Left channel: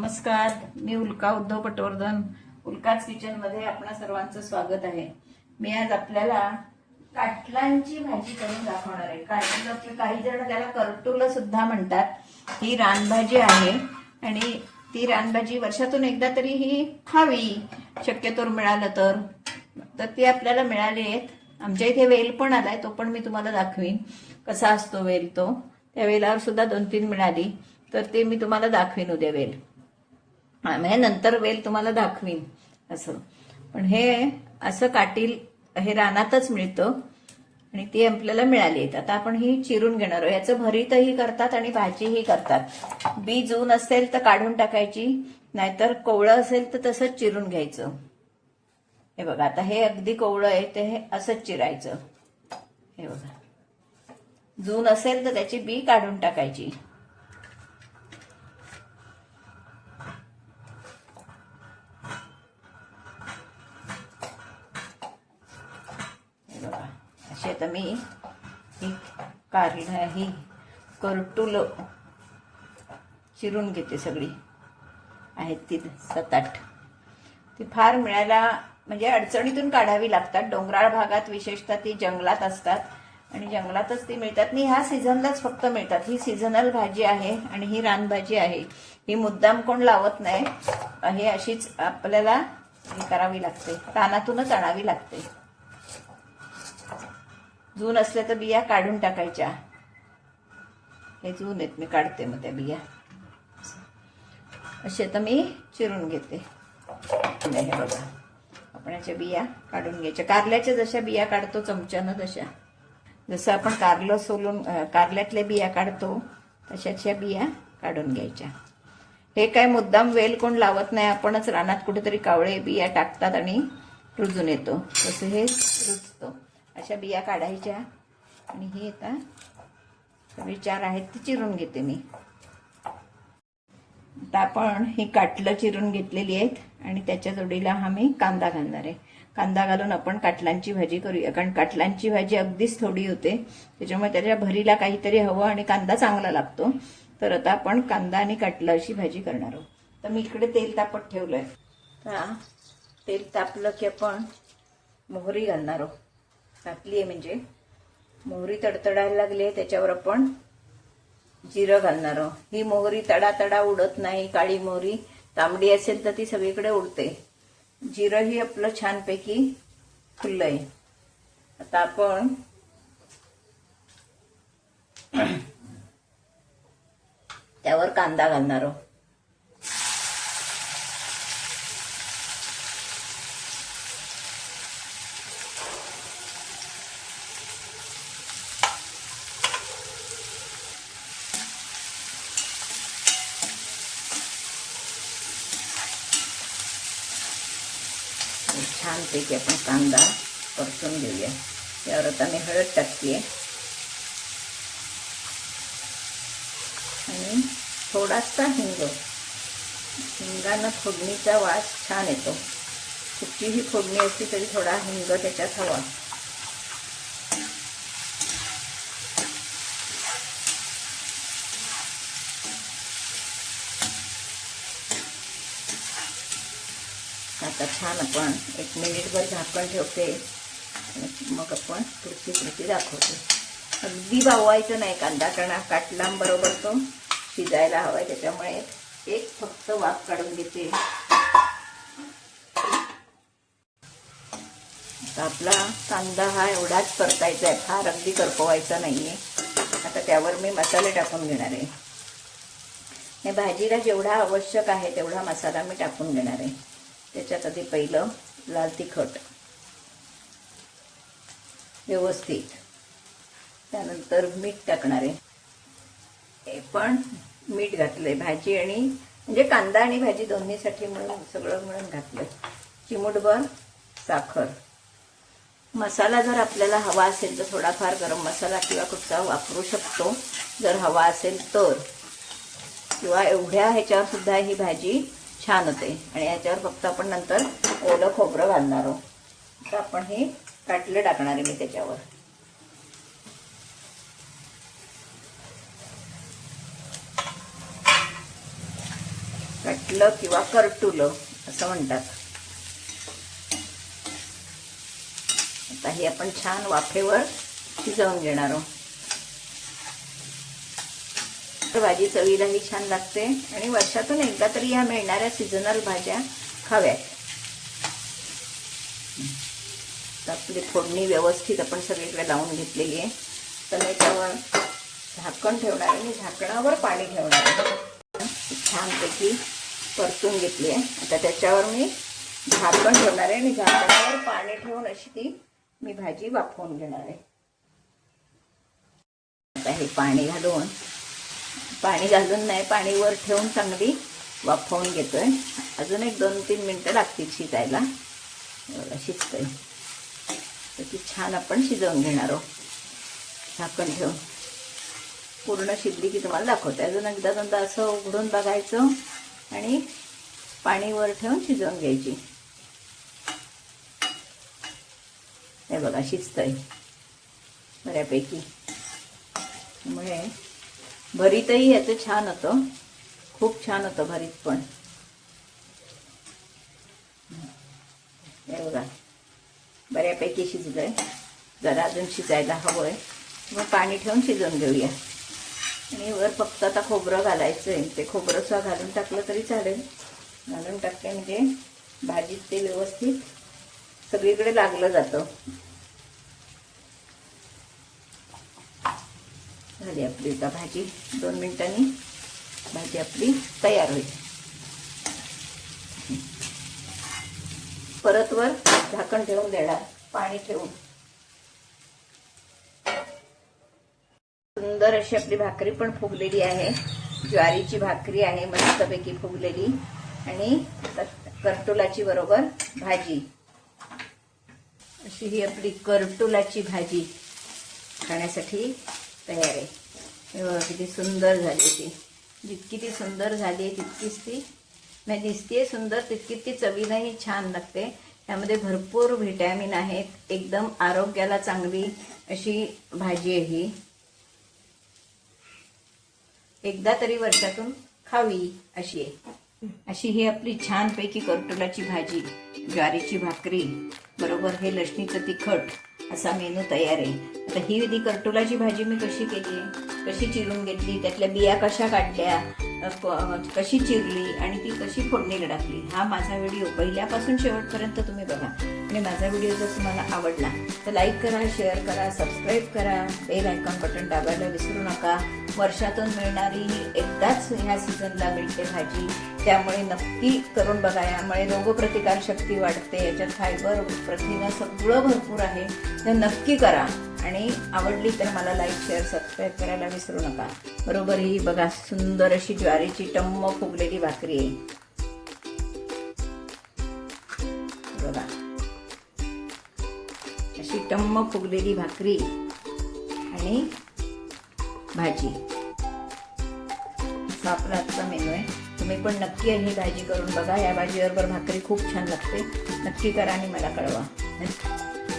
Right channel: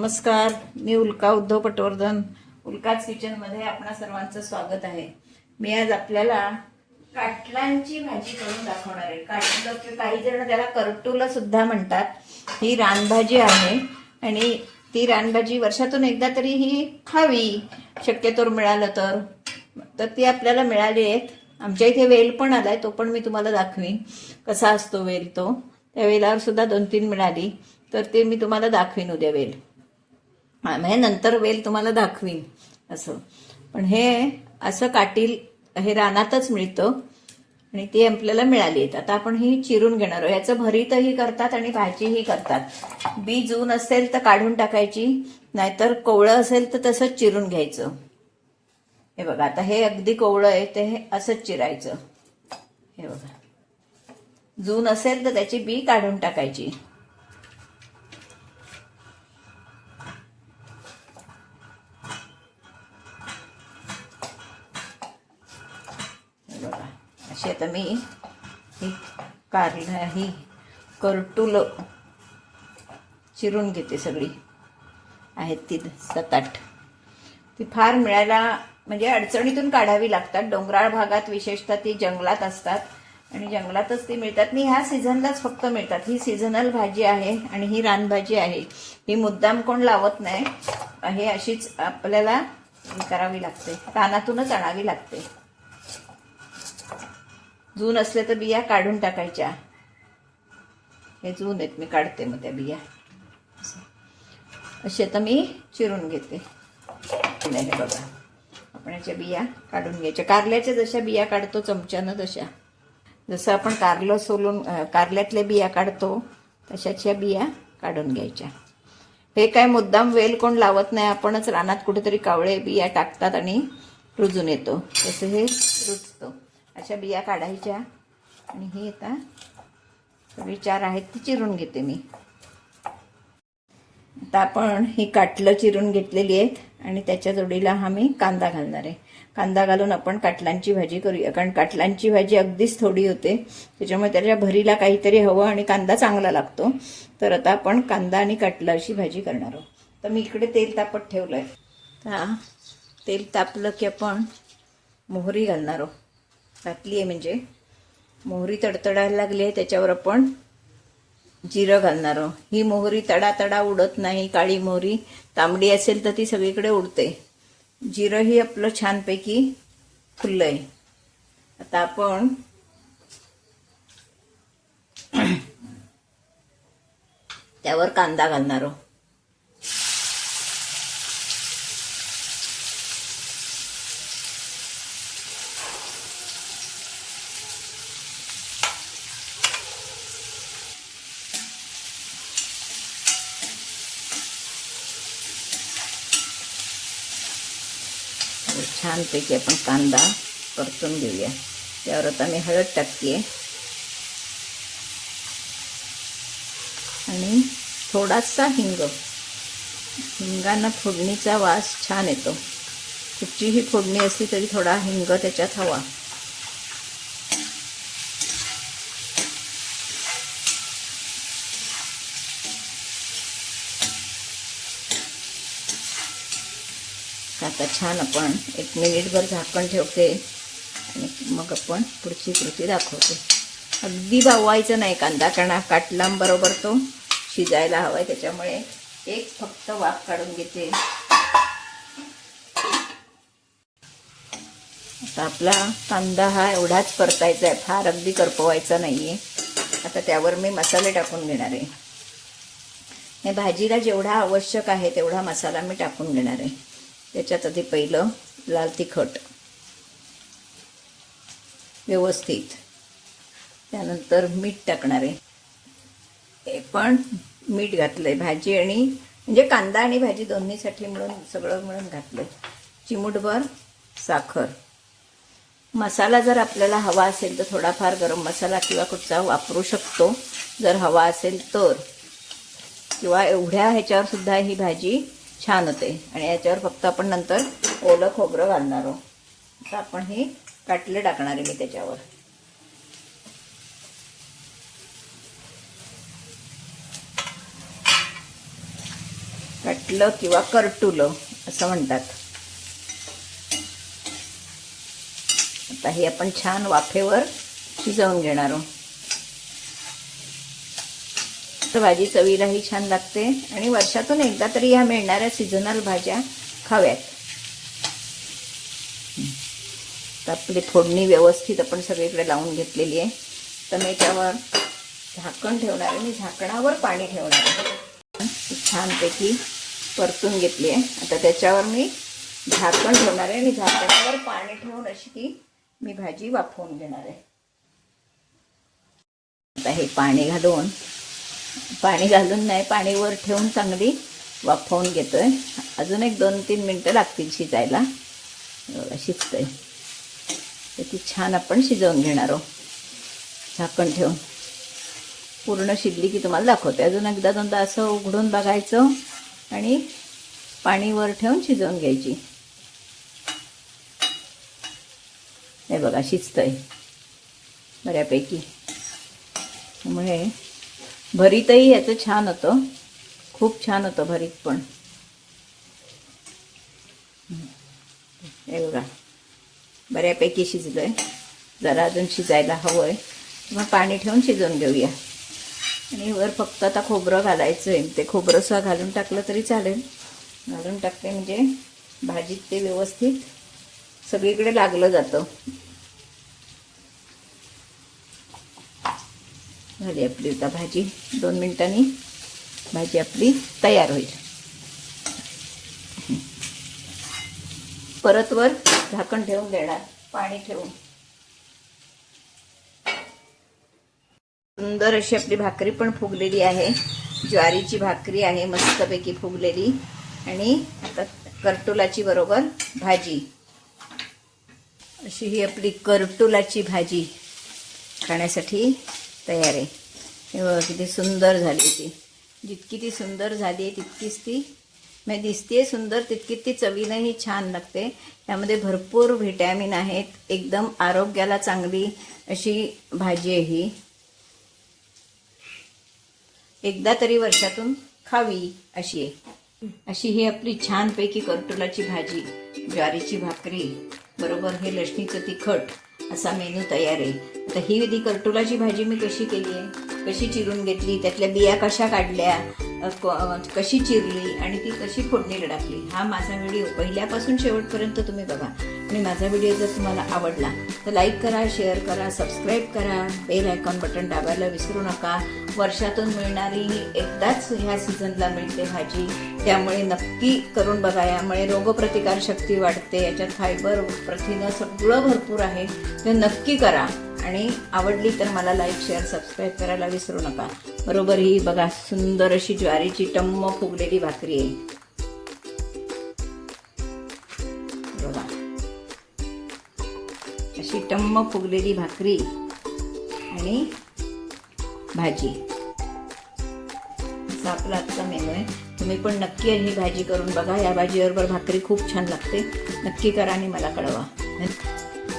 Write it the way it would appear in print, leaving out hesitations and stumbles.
नमस्कार, मी उल्का उद्धव पटवर्धन. उल्काच किचनमध्ये आपणा सर्वांचं स्वागत आहे. मी आज आपल्याला काटलांची भाजी करून दाखवणार आहे. काटलं की काही जण त्याला करटुलं सुद्धा म्हणतात. ही रानभाजी आहे आणि ती रानभाजी वर्षातून एकदा तरी ही खावी, शक्यतोवर मिळालं तर ती आपल्याला मिळाली आहे. आमच्या इथे वेल पण आलाय, तो पण मी तुम्हाला दाखवीन कसा असतो वेल. तो त्या वेलावर सुद्धा 2-3 मिळाली, तर ते मी तुम्हाला दाखवीन उद्या वेल. म्हणजे नंतर वेल तुम्हाला दाखवीन असं. पण हे असं काटील हे रानातच मिळतं आणि ती आपल्याला मिळाली आहेत. आता आपण ही चिरून घेणार आहोत. ह्याचं भरीतही करतात आणि भाजीही करतात. बी जून असेल तर काढून टाकायची, नाहीतर कोवळं असेल तर तसंच चिरून घ्यायचं. हे बघा, आता हे अगदी कोवळं आहे ते हे असंच चिरायचं. हे बघा, जून असेल तर त्याची बी काढून टाकायची. अशी आता मी ही करटुलं चिरून घेते. सगळी आहेत ती 7-8. ती फार मिळायला म्हणजे अडचणीतून काढावी लागतात. डोंगराळ भागात विशेषतः ती जंगलात असतात आणि जंगलातच ती मिळतात. आणि ह्या सीझनलाच फक्त मिळतात. ही सीझनल भाजी आहे आणि ही रानभाजी आहे. ही मुद्दाम कोण लावत नाही. हे अशीच आपल्याला करावी लागते, रानातूनच आणावी लागते. जून असले तर बिया काढून टाकायच्या. हे जून आहेत, मी काढते मग त्या बिया. असे तर मी चिरून घेते. हे बघा, आपण याच्या बिया काढून घ्यायच्या. कारल्याच्या जशा बिया काढतो चमच्यानं, तशा जसं आपण कारलं सोलून कारल्यातल्या बिया काढतो तशाच्या बिया काढून घ्यायच्या. हे काय मुद्दाम वेल कोण लावत नाही. आपणच रानात कुठेतरी कावळे बिया टाकतात आणि रुजून येतो, तसं हे रुजतं. अशा बिया काढायच्या आणि ही आता सगळी 4 आहेत ती चिरून घेते मी. आता आपण ही काटलं चिरून घेतलेली आहेत आणि त्याच्या जोडीला हा मी कांदा घालणार आहे. कांदा घालून आपण काटलांची भाजी करूया, कारण काटलांची भाजी अगदीच थोडी होते, त्याच्यामुळे त्याच्या भरीला काहीतरी हवं आणि कांदा चांगला लागतो. तर आता आपण कांदा आणि काटलं अशी भाजी करणार आहोत. तर मी इकडे तेल तापत ठेवलं आहे. तर तेल तापलं की आपण मोहरी घालणार आहोत. घातली आहे म्हणजे मोहरी तडतडायला लागली आहे, त्याच्यावर आपण जिरं घालणार आहोत. ही मोहरी तडा उडत नाही. काळी मोहरी तांबडी असेल तर ती सगळीकडे उडते. जिरंही आपलं छानपैकी फुललंय. आता आपण त्यावर कांदा घालणार आहोत. छानपैकी आपण कांदा परतून घेऊया. त्यावर आता मी हळद टाकते आणि थोडासा हिंगानं फोडणीचा वास छान येतो. कुठचीही फोडणी असली तरी थोडा हिंग त्याच्यात हवा. आता छान आपण 1 मिनिटभर झाकण ठेवते आणि मग आपण पुढची कृती दाखवते. अगदी भावायचं नाही कांदा, कारण काटलांबरोबर तो शिजायला हवाय, त्याच्यामुळे एक फक्त वाफ काढून घेते. आता आपला कांदा हा एवढाच परतायचा आहे, फार अगदी करपवायचा नाहीये. आता त्यावर मी मसाले टाकून घेणार आहे. भाजीला जेवढा आवश्यक आहे तेवढा मसाला मी टाकून घेणार आहे. त्याच्यात आधी पहिलं लाल तिखट व्यवस्थित, त्यानंतर मीठ टाकणार आहे. हे पण मीठ घातलंय भाजी आणि म्हणजे कांदा आणि भाजी दोन्हीसाठी मिळून सगळं मिळून घातलंय. चिमूटभर साखर. मसाला जर आपल्याला हवा असेल तर थोडाफार गरम मसाला किंवा कुठचा वापरू शकतो जर हवा असेल तर, किंवा एवढ्या ह्याच्यावर सुद्धा ही भाजी छान होते. आणि याच्यावर फक्त आपण नंतर ओलं खोबरं घालणार आहोत. तर आपण हे काटलं टाकणार आहे मी त्याच्यावर. काटलं किंवा करटुलं असं म्हणतात. आता हे आपण छान वाफेवर शिजवून घेणार आहोत. तर भाजी चवीलाही छान लागते आणि वर्षातून एकदा तरी ह्या मिळणाऱ्या सीझनल भाज्या खाव्यात. तर आपली फोडणी व्यवस्थित आपण सगळीकडे लावून घेतलेली आहे. तर मी त्यावर झाकण ठेवणार आहे. मी झाकणावर पाणी ठेवणार आहे. छानपैकी परतून घेतली आहे. आता त्याच्यावर मी झाकण ठेवणार आहे आणि झाकणावर पाणी ठेवून अशी ती मी भाजी वाफवून घेणार आहे. आता हे पाणी घालून नाही, पाणी वर ठेवून चांगली वाफवून घेतोय. अजून एक 2-3 मिनटं लागतील शिजायला. शिजतंय तर ती छान आपण शिजवून घेणार आहोत. झाकण ठेवून पूर्ण शिजली की तुम्हाला दाखवते. अजून एकदा 2दा असं उघडून बघायचं आणि पाणी वर ठेवून शिजवून घ्यायची. हे बघा शिजतंय बऱ्यापैकी. त्यामुळे भरीतही याचं छान होतं, खूप छान होतं भरीत पण. हे बघा बऱ्यापैकी शिजलंय. जरा अजून शिजायला हवंय. मग पाणी ठेवून शिजवून घेऊया. आणि वर फक्त आता खोबरं घालायचंय. ते खोबरं सुद्धा घालून टाकलं तरी चालेल. घालून टाकते म्हणजे भाजीत ते व्यवस्थित सगळीकडे लागलं जातं. झाली आपली आता भाजी. 2 मिनिटांनी भाजी आपली तयार होईल. परत वर झाकण ठेवून देणार, पाणी ठेवून. सुंदर अशी आपली भाकरी पण फुगलेली आहे. ज्वारीची भाकरी आहे मस्तपैकी फुगलेली. आणि करटुलाची बरोबर भाजी. अशी ही आपली करटुलाची भाजी खाण्यासाठी तयार आहे. किती सुंदर झाली ती. जितकी ती सुंदर झाली आहे तितकीच ती म्हणजे दिसते सुंदर, तितकी ती चवीलाही छान लागते. त्यामध्ये भरपूर व्हिटॅमिन आहेत. एकदम आरोग्याला चांगली अशी भाजी आहे ही. एकदा तरी वर्षातून खावी अशी आहे. अशी ही आपली छानपैकी करटुलाची भाजी, ज्वारीची भाकरी बरोबर हे लसणीचं तिखट असा मेनू तयार आहे. आता ही करटुलाची भाजी मी कशी केली आहे, कशी चिरून घेतली, त्यातल्या बिया कशा काढल्या, कशी चिरली आणि ती कशी फोडणीला टाकली, हा माझा व्हिडिओ पहिल्यापासून शेवटपर्यंत तुम्ही बघा. आणि माझा व्हिडिओ जर तुम्हाला आवडला तर लाईक करा, शेअर करा, सबस्क्राईब करा, बेल आयकॉन बटन दाबायला विसरू नका. वर्षातून मिळणारी एकदाच ह्या सीझनला मिळते भाजी, त्यामुळे नक्की करून बघा. यामुळे रोगप्रतिकारशक्ती वाढते. याच्यात फायबर, प्रथिनं सगळं भरपूर आहे. हे नक्की करा. आणि आवडली तर मला लाईक, शेअर, सबस्क्राईब करायला विसरू नका. बरोबर ही बघा सुंदर अशी ज्वारीची टम्म फुगलेली भाकरी आहे. बघा अशी टम्म फुगलेली भाकरी आणि भाजी. असा आपला आजचा मेनू आहे. तुम्ही पण नक्की ही भाजी करून बघा. या भाजीबरोबर भाकरी खूप छान लागते. नक्की करा आणि मला कळवा.